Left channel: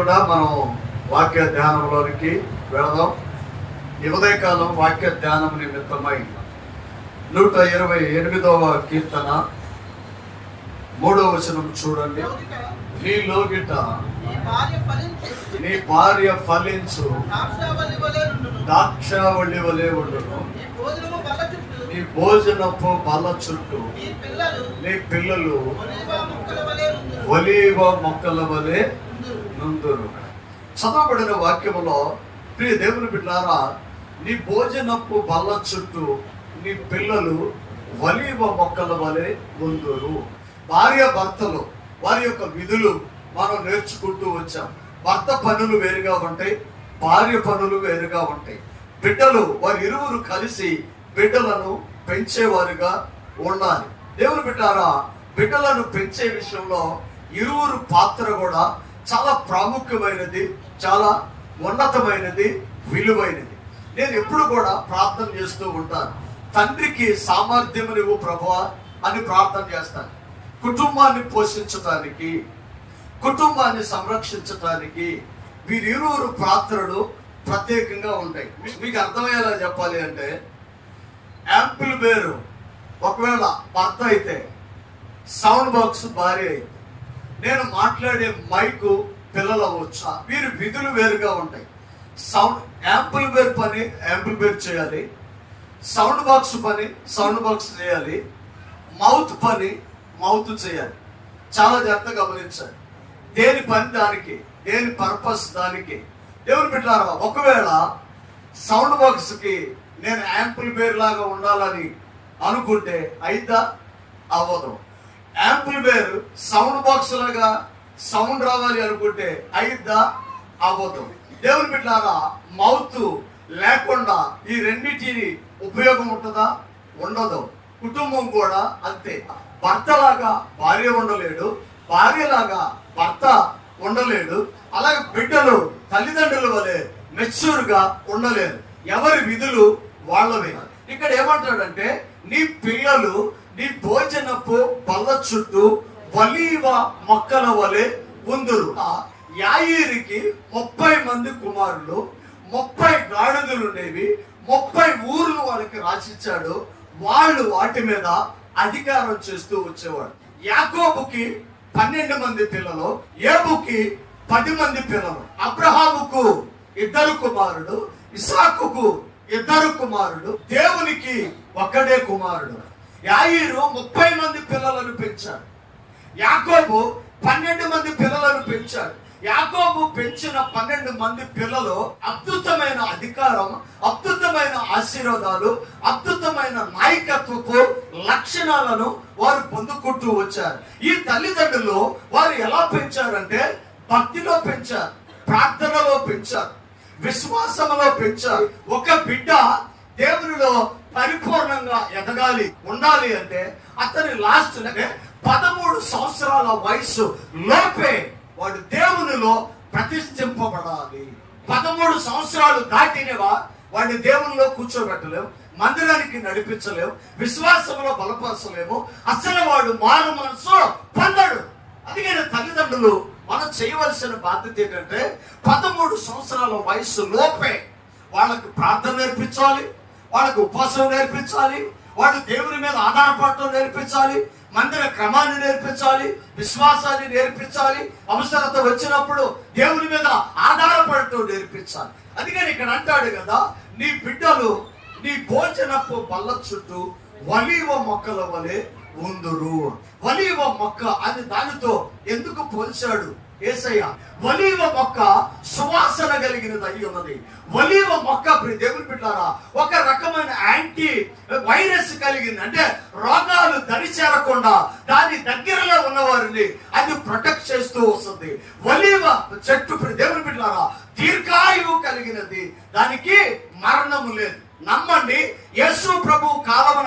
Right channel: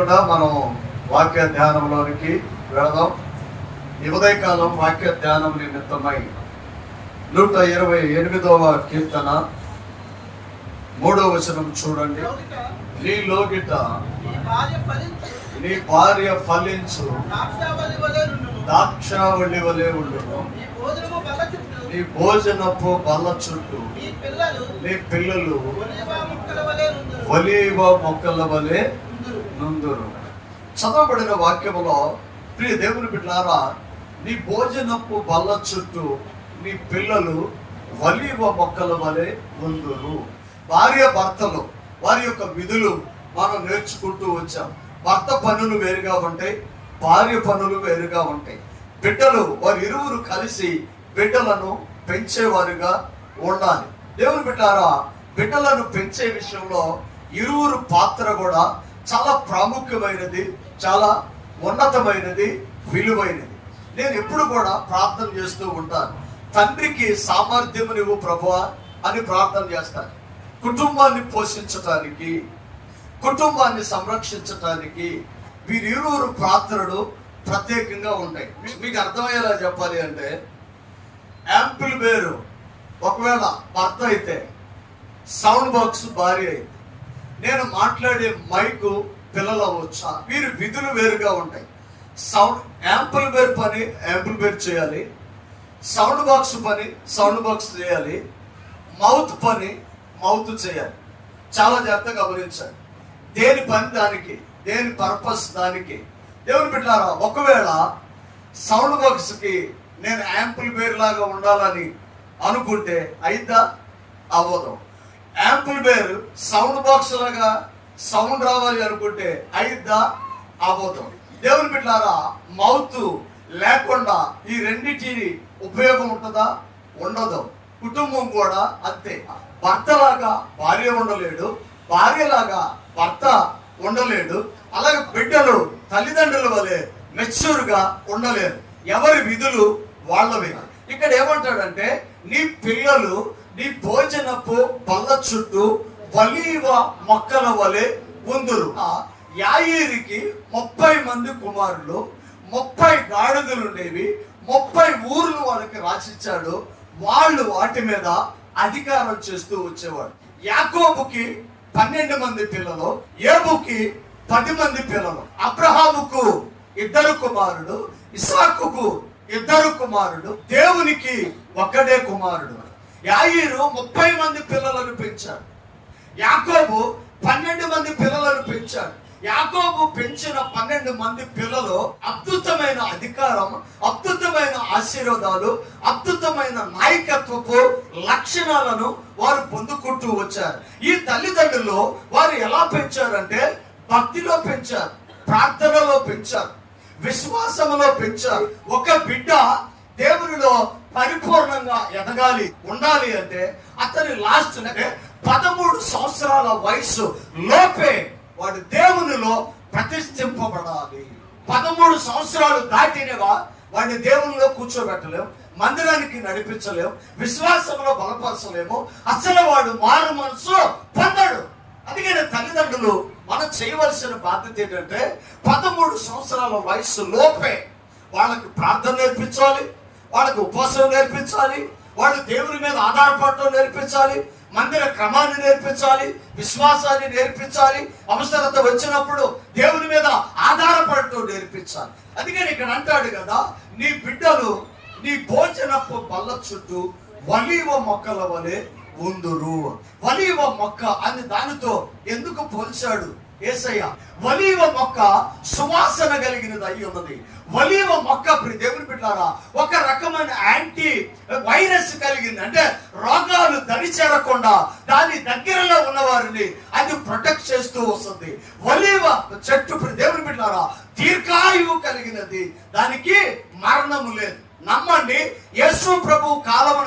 కూడా మనం వాక్య ధ్యానంలోనికి వెళదాం. ఉదయకాలం వాక్య ధ్యానం నిమిత్తమై నూట ఇరవై ఎనిమిదవ కీర్తన మూడవ వచనం చూడండి. నీ లోగిట ఈ నీ భార్య ఫలించు. దాక్షావళి వలె వలె ఉండును. నీ భోజనపు బల్ల చుట్టూ నీ పిల్లలు ఒలీవ మొక్కల వలె నుందురు చదవబడిన వాక్యములో ప్రియ దేవుని బిడ్డారా నీ భోజనపు బల్ల చుట్టూ నీ పిల్లలు వలీవ మొక్కల వలె ఉందురు. భార్య భర్తలు వారి యొక్క విధులు మనం నేర్చుకుంటూ వచ్చాం. భర్త పనులు వేరుగా ఉంటాయి భార్య పనులు వేరుగా ఉంటాయి. బిడ్డలు వారి ఇరువురు కలిసి బిడ్డలను పెంచేవారుగా ఉండాలి. దేవుని బిడ్డారా బిడ్డలను పెంచే విషయంలో ఇరువురు పాత్ర కూడా చాలా ప్రాముఖ్యమైనది చాలా ఉన్నతమైనది విలువైనది. నేను ఎప్పుడు కూడా ప్రార్థన చేస్తూ ఉంటాను. తండ్రికి సామర్థ్యం నువ్వు ప్రభువా అని ప్రార్థన చేస్తాను. కుటుంబాన్ని పోషించటానికి కుటుంబాన్ని సంరక్షించటానికి వీరిరువురు ప్రార్థనలు ప్రత్యేకంగా ఉంటాయి. మీకు అర్థమయ్యేలా చెప్పాలి అంటే యాంపిల్ వేరు ఒకవేళ భర్త అయితే సౌండ్ బాక్స్ భార్య అయితే నేను మాట్లాడే మైకు పిల్లలు అవ్వచ్చా వీరి విధులు వేరుగా ఉంటాయి. సౌండ్ యాంపుల్ బేర్ పని యాంపుల్ బేర్ చేయాలి. సౌండ్ బాక్స్ పని సౌండ్ బాక్స్ చేయాలి. మౌత్ పని మౌత్ చేయాలి. చాలా జాగ్రత్తగా గమనించాలి. దేని పని దానికి దేని పర్పస్ దానికి. దేవుని పెట్టారా ఒకవేళ సౌండ్ బాక్స్కి నేను యాంపుల్ బేర్ లాగా ఉండాలని అనుకుంటే అయితే అవ్వదు. యాంపుల్ బేర్ సౌండ్ బాక్స్ లాగా సౌండ్ రావాలి అనుకుంటే అయిద్దా అబద్ధం. దేవుని బిడ్డారా మౌత్ లేకుండా ఈ రెండింటిని ఉపయోగం ఉంటుందా? ఉండదు. కుటుంబం కూడా అంతే. భర్తలాగా భార్య ఉండలేడు. భార్యలాగా భర్త ఉండలేడు. అలాగే బిడ్డలు తల్లిదండ్రుల వలె మెచ్యూర్గా ఉండలేదు ఉండలేరు. ఎవరి విధులు వాళ్ళవి? ఇక్కడ ఏమంటాడంటే నీ పిల్లలు నీ భోజనపు బల్ల చుట్టూ వలీవ మొక్కల వలె ఉందురు. ఆ యాయిరికి ముప్పై మంది కుమారులు ముప్పై గాడిదలు ఉండేవి ముప్పై ఊర్లు వాళ్ళకి రాసిచ్చాడు. వాళ్ళు వాటి మీద అధికారం చేస్తూ వచ్చేవాడు. యాకోబుకి పన్నెండు మంది పిల్లలు ఏబుకి పది మంది పిల్లలు. అబ్రహాముకు ఇద్దరు కుమారుడు ఇసాకుకు ఇద్దరు కుమారుడు దేవునికి ఒక్కడే కుమారుడు. యాయిరు ముప్పై మంది పిల్లలను పెంచాడు యాకోబు పన్నెండు మంది పిల్లలను పెంచాడు యాకోబు పెంచిన పన్నెండు మంది పిల్లలు అద్భుతమైన అధికారం అద్భుతమైన ఆశీర్వాదాలు అద్భుతమైన నాయకత్వపు లక్షణాలను వారు పొందుకుంటూ వచ్చారు. ఈ తల్లిదండ్రులు వారు ఎలా పెంచారంటే భక్తిలో పెంచారు ప్రార్థనలో పెంచారు విశ్వాసంలో పెంచారు. ఒక బిడ్డ దేవునిలో పరిపూర్ణంగా ఎదగాలి ఉండాలి అంటే అతని లాస్ట్ అంటే పదమూడు సంవత్సరాల వయసు లోపే వాడు దేవునిలో ప్రతిష్ఠింపబడాలి. పదమూడు సంవత్సరాలు దాటినవా వాడిని దేవునిలో కూర్చోబెట్టలేము మందిరానికి నడిపించలేం విశ్వాసంలో బలపరచలేము అసలు వాడు మారు మనసు పొందడు. అందుకని తల్లిదండ్రులు మనం చేయవలసిన బాధ్యత ఏంటంటే పదమూడు సంవత్సరాల వయసు లోపే వాళ్ళకి ప్రార్థన నేర్పించాలి వాళ్ళకు ఉపవాసం నేర్పించాలి వాళ్ళు దేవుని మీద ఆధారపడటం నేర్పించాలి మందిర క్రమాన్ని నేర్పించాలి విశ్వాసాన్ని నేర్పించాలి అవసరత వచ్చినప్పుడు దేవుని మీద ఆధారపడటం నేర్పించాలి. అందుకని ఇక్కడ అంటాడు కదా నీ బిడ్డలు నీ భోజనపు బల్ల చుట్టూ వలీవ మొక్కల వలె ఉందురు. వలీవ మొక్క అని దానితో ఎందుకు పోల్చాడు? ఏసయ్య వలీవ మొక్క సువాసన కలిగినది అయి ఉన్నది. వలీవ మొక్క దేవుని బిడ్డారా ఒక రకమైన యాంటీ వైరస్ కలిగింది అంటే రోగాలు దడి చేరకుండా దాని దగ్గరలో ఉన్న వారిని అది ప్రొటెక్ట్ చేస్తూ వస్తుంది. వలీవ చెట్టు దేవుని బిడ్డారా దీర్ఘాయువు కలిగినది. దానికి మరణము లేదు. నమ్మండి యేసు ప్రభు కాలం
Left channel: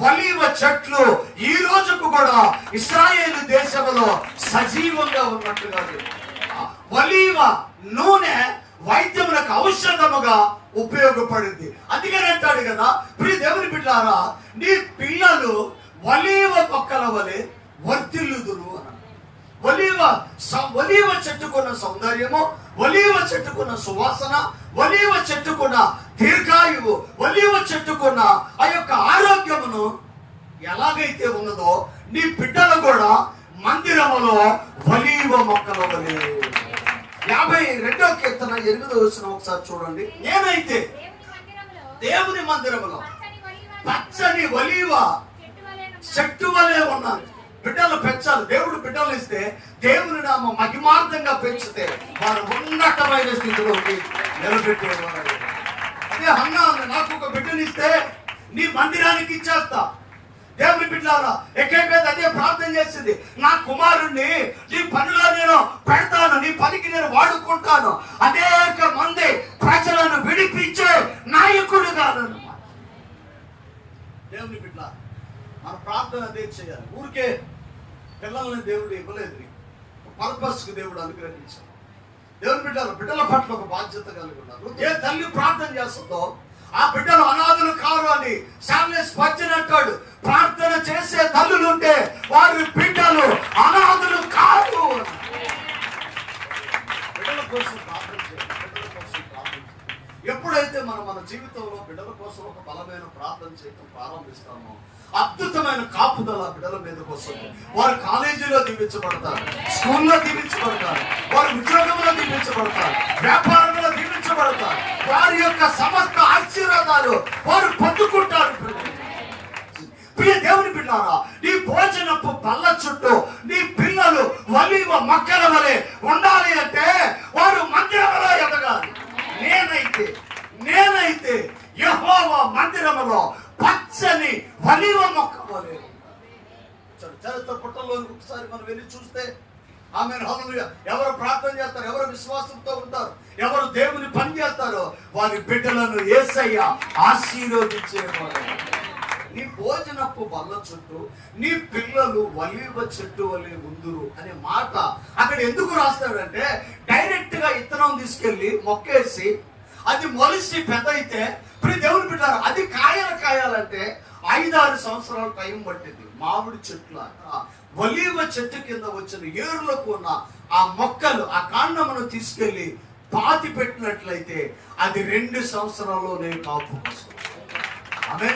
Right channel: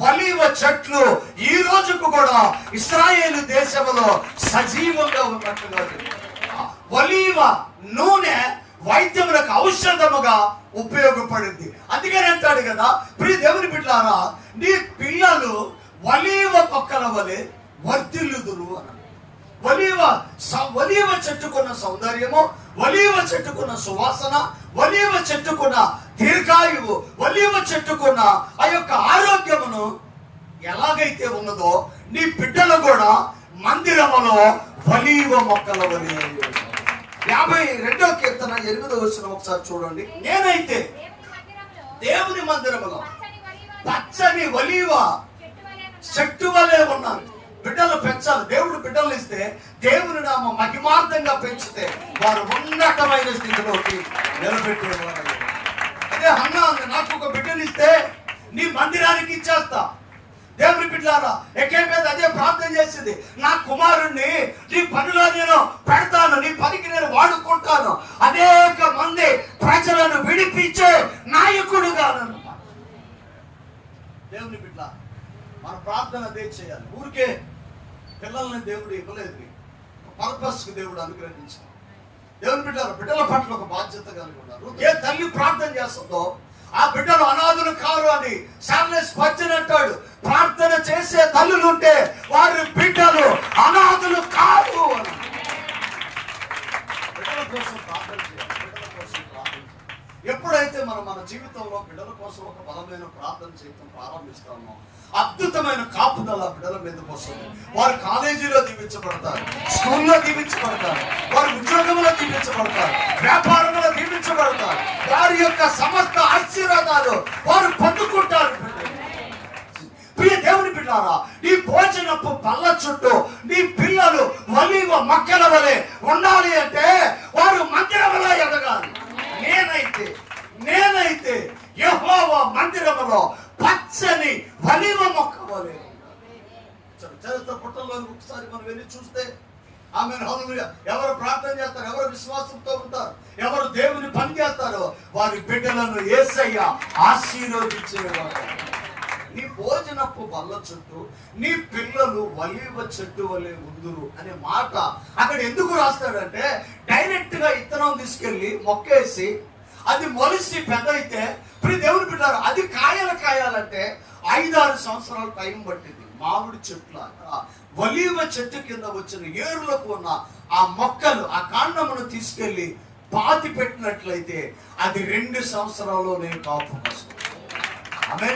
వలీవ చెట్లు ఈ రోజుకు కూడా ఇస్రాయేల్ దేశంలో సజీవంగా ఉన్నట్టుగా వలీవ నూనె వైద్యములకు ఔషధముగా ఉపయోగపడింది. అందుకని అంటాడు కదా ప్రియ దేవుని బిడ్డారా నీ పిల్లలు వలీవ మొక్కల వలె వర్తిల్లుదును అన్నాడు ఒలీవ ఒలీవ చెట్టుకున్న సౌందర్యము ఒలీవ చెట్టుకున్న సువాసన ఒలీవ చెట్టుకున్న దీర్ఘాయువు ఒలివ చెట్టుకున్న ఆ యొక్క ఆరోగ్యమును ఎలాగైతే ఉన్నదో నీ బిడ్డలు కూడా మందిరములో ఒలివ మొక్కల వలె. యాభై రెండో కీర్తన ఎనిమిదో వచ్చిన ఒకసారి చూడండి. నేనైతే దేవుని మందిరములో పచ్చని ఒలివ చెట్టు వలే చెట్టు వలె ఉన్నాను. బిడ్డలు పెంచాలి. దేవుడు బిడ్డలు ఇస్తే దేవుని నామ మహిమార్థంగా పెంచితే వారు ఉన్నతమైన స్థితిలోకి నిలబెట్టేవారు. అలాగే అన్న నాకు ఒక బిడ్డనిస్తే నీ మందిరానికి ఇచ్చేస్తా. దేవుని బిడ్డారా ఎక్కడ మీద అదే ప్రార్థన చేసింది. నా కుమారుణ్ణి నీ పనిలో నేను పెడతాను నీ పనికి నేను వాడుకుంటాను. అనేక మంది ప్రజలను విడిపించే నాయకుడు కాను దేవుని బిడ్డ మన ప్రార్థన అదే చేయాలి. ఊరికే పిల్లల్ని దేవుడు ఇవ్వలేదు. పర్పస్ దేవుడు అనుగ్రహించాలి దేవుని బిడ్డలు బిడ్డల పట్ల ఒక బాధ్యత కలిగి ఉన్నారు. ఏ తల్లి ప్రార్థన చేస్తుందో ఆ బిడ్డలు అనాథులు కారు అని సామ్లెస్ పచ్చిన అంటాడు. ప్రార్థన చేసే తల్లులు ఉంటే వారి బిడ్డలు అనాథులు కాదు అని. బిడ్డల కోసం ప్రార్థన చేయాలి బిడ్డల కోసం ప్రార్థన చేయాలి ఎప్పుడైతే మనం మన జీవితంలో బిడ్డల కోసం ఒక బలమైన ప్రార్థన చేయడం ప్రారంభిస్తామో అద్భుతమైన కాపుదల బిడ్డల మీదకి వస్తుంది. వారు కాలేజీలో దీవించబడతారు స్కూల్లో దీవించబడతారు వారు ఉద్యోగంలో దీవించబడతారు వ్యాపారంలో దీవించబడతారు. వారి యొక్క సమస్త ఆశీర్వాదాలు వారు పొందుకుంటారు ప్రియ దేవుని పిల్లారా నీ భోజనపు పళ్ళ చుట్టూ నీ పిల్లలు వలీవ మక్కల వలె ఉండాలి అంటే వారు మందిరములో ఎదగాలి. నేనైతే నేనైతే యహోవ మందిరములో పచ్చని వలివ మొక్క వలె చరిత్ర పుట్టల్లో ఒకసారి మనం వెళ్ళి చూస్తే ఆమె ఎవరు ప్రార్థన చేస్తారు ఎవరు విశ్వాసంతో ఉంటారు ఎవరు దేవుని పని చేస్తారో వారి బిడ్డలను ఏసయ్య ఆశీర్వదించేవారు. నీ భోజనపు బల్ల చుట్టూ నీ పిల్లలు వలివ చెట్టు వలె ఉందురు అనే మాట అక్కడ ఎందుకు రాస్తాడంటే డైరెక్ట్గా ఇత్తనం తీసుకెళ్ళి మొక్కేసి అది మొలిసి పెద్ద అయితే ఇప్పుడు దేవుని పెట్టారు అది కాయలు కాయాలంటే ఐదారు సంవత్సరాల టైం పట్టింది. మామిడి చెట్ల ఒలీవ చెట్టు కింద వచ్చిన ఏరులకు ఉన్న ఆ మొక్కలు ఆ కాండమును తీసుకెళ్ళి పాతి పెట్టినట్లయితే అది రెండు సంవత్సరాల్లోనే కాపు వస్తుంది అదే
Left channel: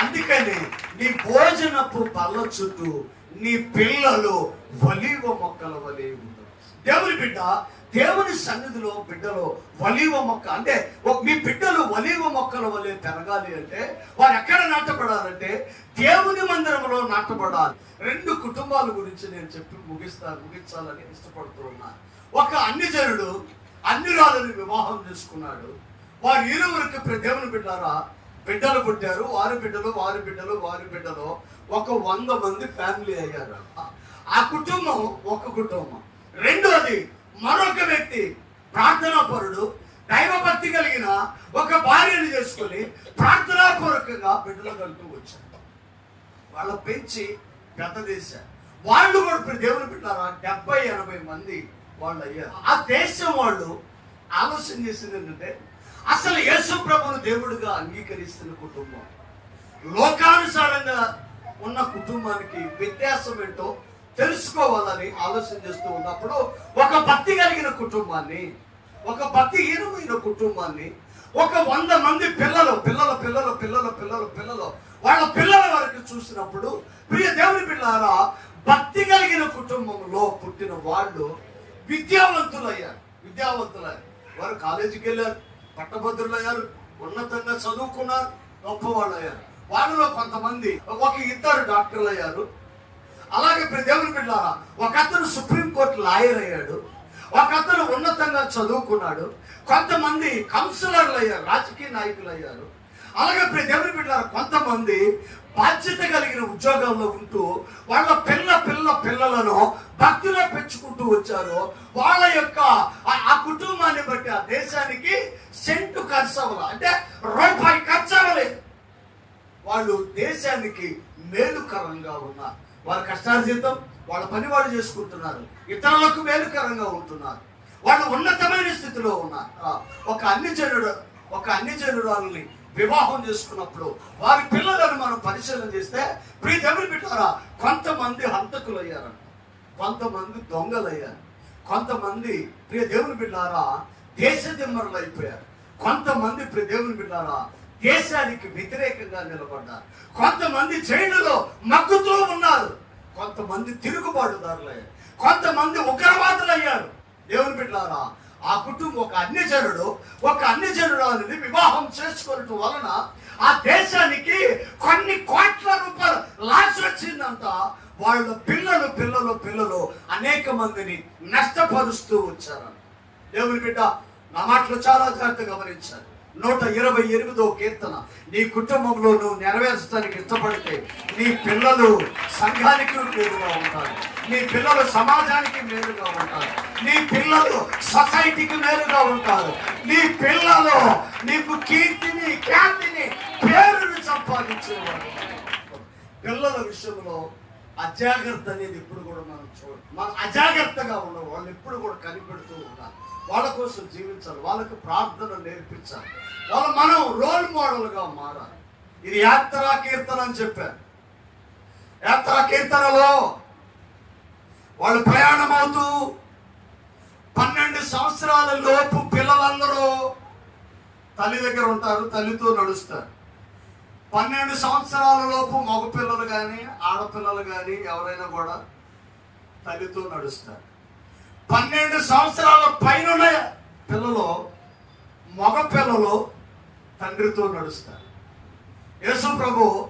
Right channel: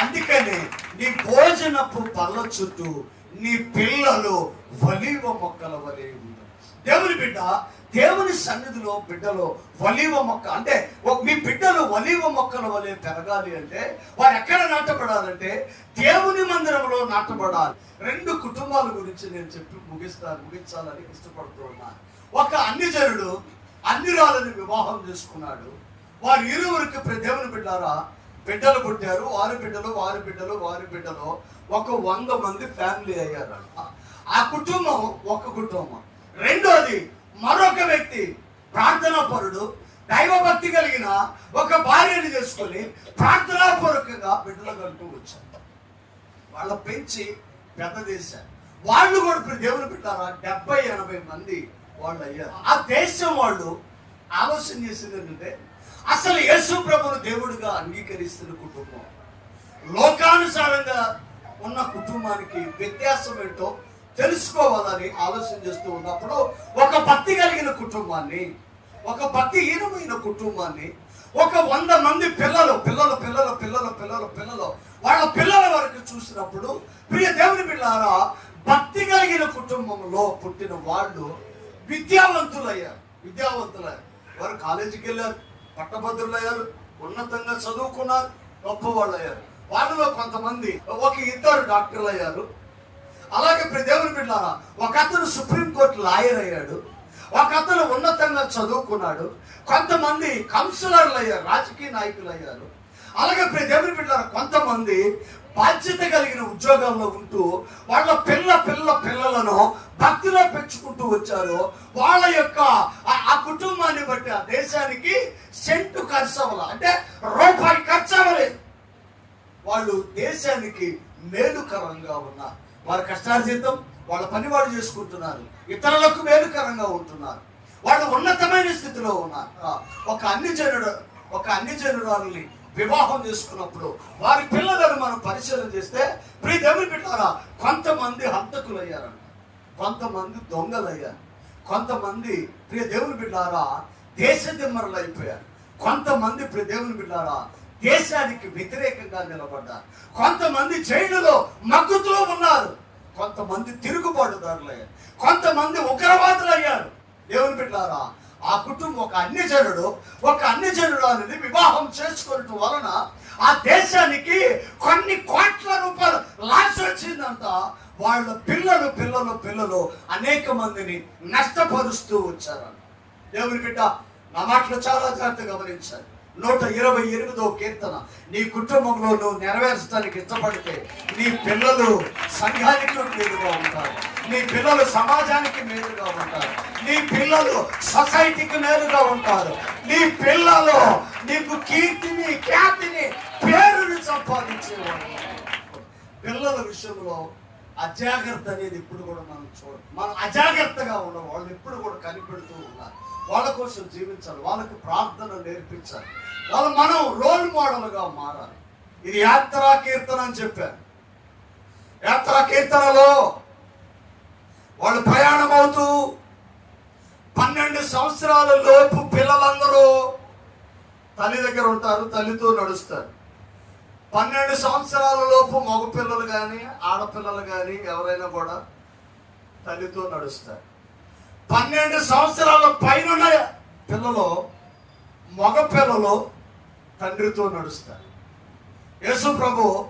అందుకని నీ భోజనపు బల్ల చుట్టూ నీ పిల్లలు వలీవ మొక్కల వలె దేవుని బిడ్డ దేవుని సన్నిధిలో బిడ్డలో వలీవ మొక్క అంటే మీ బిడ్డలు వలీవ మొక్కల వలె పెరగాలి అంటే వారు ఎక్కడ నాటపడాలంటే దేవుని మందిరంలో నాటపడాలి రెండు కుటుంబాల గురించి నేను చెప్పి ముగిస్తాను ముగించాలని ఇష్టపడుతూ ఉన్నాను. ఒక అన్నిజనుడు అన్ని వివాహం చేసుకున్నాడు. వారి ఇరువురికి దేవుని బిడ్డారా బిడ్డలు పుట్టారు వారి బిడ్డలు వారి బిడ్డలు వారి బిడ్డలు. ఒక వంద మంది ఫ్యామిలీ అయ్యారు ఆ కుటుంబం ఒక కుటుంబం. రెండోది మరొక వ్యక్తి ప్రార్థనా పరుడు దైవభక్తి కలిగిన ఒక భార్యను చేసుకొని ప్రార్థనాపూర్వకంగా బిడ్డలు కలుపుతూ వచ్చారు. వాళ్ళ పెంచి పెద్ద చేశారు వాళ్ళు కూడా దేవుని పెట్టారా డెబ్బై ఎనభై మంది వాళ్ళు అయ్యారు. ఆ దేశం వాళ్ళు ఆలోచన చేసింది ఏంటంటే అసలు యేసు ప్రభును దేవుడిగా అంగీకరిస్తున్న కుటుంబం. లోకానుసారంగా ఉన్న కుటుంబానికి వ్యత్యాసం ఏంటో తెలుసుకోవాలని ఆలోచన చేస్తూ ఉన్నప్పుడు ఒక భక్తి కలిగిన కుటుంబాన్ని ఒక భక్తిహీనమైన కుటుంబాన్ని ఒక వంద మంది పిల్లలు పిల్లలు పిల్లలు పిల్లలు పిల్లలు పిల్లలు వాళ్ళ పిల్లల వరకు చూసినప్పుడు ప్రియ దేవుని పిల్లారా భక్తి కలిగిన కుటుంబంలో పుట్టిన వాళ్ళు విద్యావంతులయ్యారు విద్యావంతులయ్యారు. వారు కాలేజీకి వెళ్ళారు పట్టభద్రులయ్యారు ఉన్నతంగా చదువుకున్నారు గొప్పవాళ్ళు అయ్యారు వాళ్ళలో కొంతమంది ఒక ఇద్దరు డాక్టర్లు అయ్యారు అలాగే ఇప్పుడు దేవుని బిడ్డ ఒక అతను సుప్రీంకోర్టు లాయర్ అయ్యాడు. ఒక అతను ఉన్నతంగా చదువుకున్నాడు. కొంతమంది కౌన్సిలర్లు అయ్యారు రాజకీయ నాయకులు అయ్యారు అలాగే ఇప్పుడు దేవుని బిడ్డ కొంతమంది బాధ్యత కలిగిన ఉద్యోగాల్లో ఉంటూ వాళ్ళ పిల్ల పిల్ల పిల్లలను భక్తిలో పెంచుకుంటూ వచ్చారు. వాళ్ళ యొక్క ఆ- కుటుంబాన్ని బట్టి ఆ దేశానికి సెంటు ఖర్చు అంటే రూపాయి ఖర్చు వాళ్ళు దేశానికి మేలుకరంగా ఉన్నారు. వాళ్ళ కష్టార్జితం వాళ్ళ పని వాళ్ళు చేసుకుంటున్నారు. ఇతరులకు మేలుకరంగా ఉంటున్నారు. వాళ్ళు ఉన్నతమైన స్థితిలో ఉన్నారు. ఒక అన్ని జనుడు ఒక అన్ని జనుడు వాళ్ళని వివాహం చేసుకున్నప్పుడు వారి పిల్లలను మనం పరిశీలన చేస్తే ప్రియ దేవుని పెట్టారా కొంతమంది హంతకులు కొంతమంది దొంగలయ్యారు. కొంతమంది ప్రియ దేవుని బిడ్డారా దేశ దిమ్మరులు అయిపోయారు. కొంతమంది ప్రియ దేవుని బిడ్డారా దేశానికి వ్యతిరేకంగా నిలబడ్డారు. కొంతమంది జైలులో మగ్గుతూ ఉన్నారు. కొంతమంది తిరుగుబాటుదారులయ్యారు. కొంతమంది ఉగ్రవాదులు అయ్యారు దేవుని బిడ్డారా ఆ కుటుంబం ఒక అన్యజనుడు ఒక అన్యజనుడు అనేది వివాహం చేసుకోవటం వలన ఆ దేశానికి కొన్ని కోట్ల రూపాయలు లాస్ వచ్చిందంట. వాళ్ళ పిల్లలు పిల్లలు పిల్లలు అనేక మందిని నష్టపరుస్తూ వచ్చారు. దేవుని బిడ్డ నా మాటలు చాలా జాగ్రత్తగా గమనించాలి. నూట ఇరవై ఎనిమిదో కీర్తన. నీ కుటుంబంలో నువ్వు నెరవేర్చడానికి ఇష్టపడితే నీ పిల్లలు సంఘానికి మేలుగా ఉంటారు. నీ పిల్లలు సమాజానికి మేలుగా ఉంటారు. నీ పిల్లలు సొసైటీకి మేలుగా ఉంటారు. నీ పిల్లలు నీకు కీర్తిని ఖ్యాతిని పేరును సంపాదించేవాడు పిల్లల విషయంలో అజాగ్రత్త అనేది ఎప్పుడు కూడా మనం చూడ మనం అజాగ్రత్తగా ఉన్న వాళ్ళు ఎప్పుడు కూడా కనిపెడుతూ ఉన్నారు వాళ్ళ కోసం జీవించాలి. వాళ్ళకి ప్రార్థన నేర్పించాలి. వాళ్ళు మనం రోల్ మోడల్గా మారాలి. ఇది యాత్రా కీర్తన అని చెప్పారు. యాత్రా కీర్తనలో వాళ్ళు ప్రయాణం అవుతూ పన్నెండు సంవత్సరాల లోపు పిల్లలందరూ తల్లి దగ్గర ఉంటారు. తల్లితో నడుస్తారు. పన్నెండు సంవత్సరాల లోపు మగపిల్లలు కానీ ఆడపిల్లలు కానీ ఎవరైనా కూడా తల్లితో నడుస్తారు. పన్నెండు సంవత్సరాల పైన పిల్లలు మగ పిల్లలు తండ్రితో నడుస్తారు. యేసు ప్రభు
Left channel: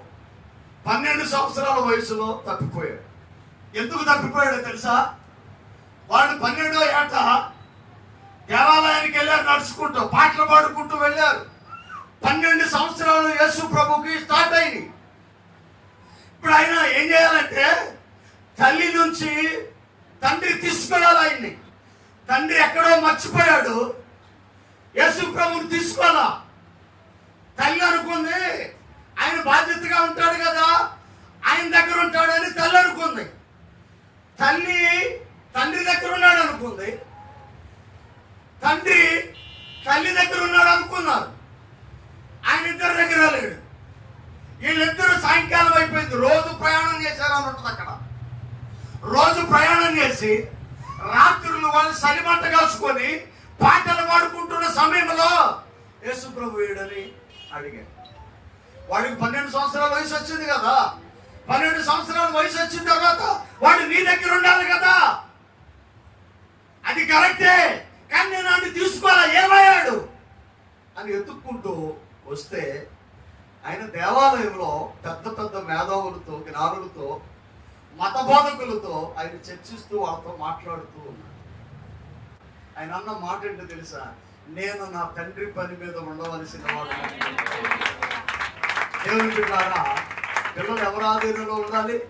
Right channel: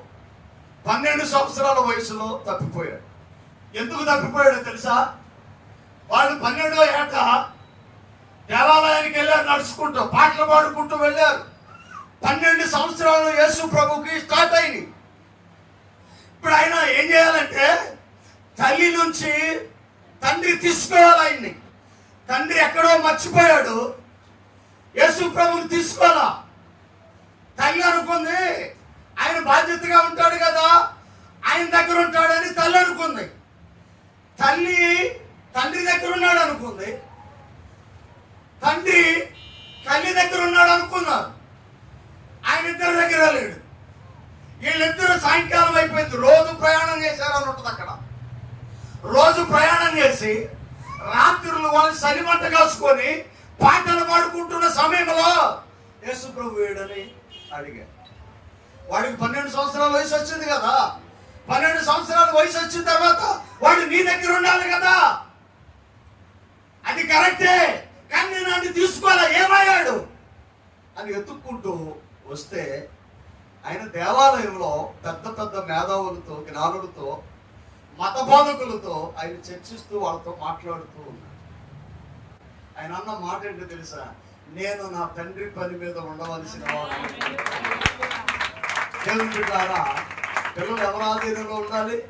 పన్నెండు సంవత్సరాల వయసులో తప్పిపోయాడు. ఎందుకు తప్పిపోయాడు తెలుసా? వాడు పన్నెండో ఏట దేవాలయానికి వెళ్ళారు నడుచుకుంటూ పాటలు పాడుకుంటూ వెళ్ళారు. పన్నెండు సంవత్సరాలు యేసు ప్రభుకి స్టార్ట్ అయింది ఇప్పుడు ఆయన ఏం చేయాలంటే తల్లి నుంచి తండ్రి తీసుకోవాలి ఆయన్ని తండ్రి ఎక్కడో మర్చిపోయాడు. యేసు ప్రభుని తీసుకోవాలా. తల్లి అనుకుంది ఆయన బాధ్యతగా ఉంటాడు కదా ఆయన దగ్గర ఉంటాడని తల్లి అనుకుంది. తల్లి తండ్రి దగ్గర ఉన్నాడు అనుకుంది. తండ్రి తల్లి దగ్గర ఉన్నాడు అనుకున్నారు. ఆయన ఇద్దరి దగ్గర లేడు వీళ్ళిద్దరు సాయంకాలం అయిపోయింది. రోజు ప్రయాణం చేశారు అని ఉంటుంది అక్కడ. రోజు ప్రయాణం చేసి రాత్రులు వాళ్ళు సరిమంట కాసుకొని పాటలు పాడుకుంటున్న సమయంలో యేసు ప్రభు వేడని అడిగారు వాడికి పన్నెండు సంవత్సరాల వయసు వచ్చింది కదా. పన్నెండు సంవత్సరాల వయసు వచ్చిన తర్వాత వాడు నీ దగ్గర ఉండాలి కదా. అది కరెక్టే. కానీ నేను అన్ని తీసుకోవాలా? ఏమయ్యాడు? అని ఎత్తుక్కుంటూ వస్తే ఆయన దేవాలయంలో పెద్ద పెద్ద మేధావులతో జ్ఞానులతో మత బోధకులతో ఆయన చర్చిస్తూ వాళ్ళతో మాట్లాడుతూ ఉన్నాడు. ఆయన అన్న మాట ఏంటో తెలుసా? నేను నా తండ్రి పని మీద ఉండవలసిన వాడు. ద్వారా పిల్లలు ఎవరి ఆధీనంలో ఉండాలి?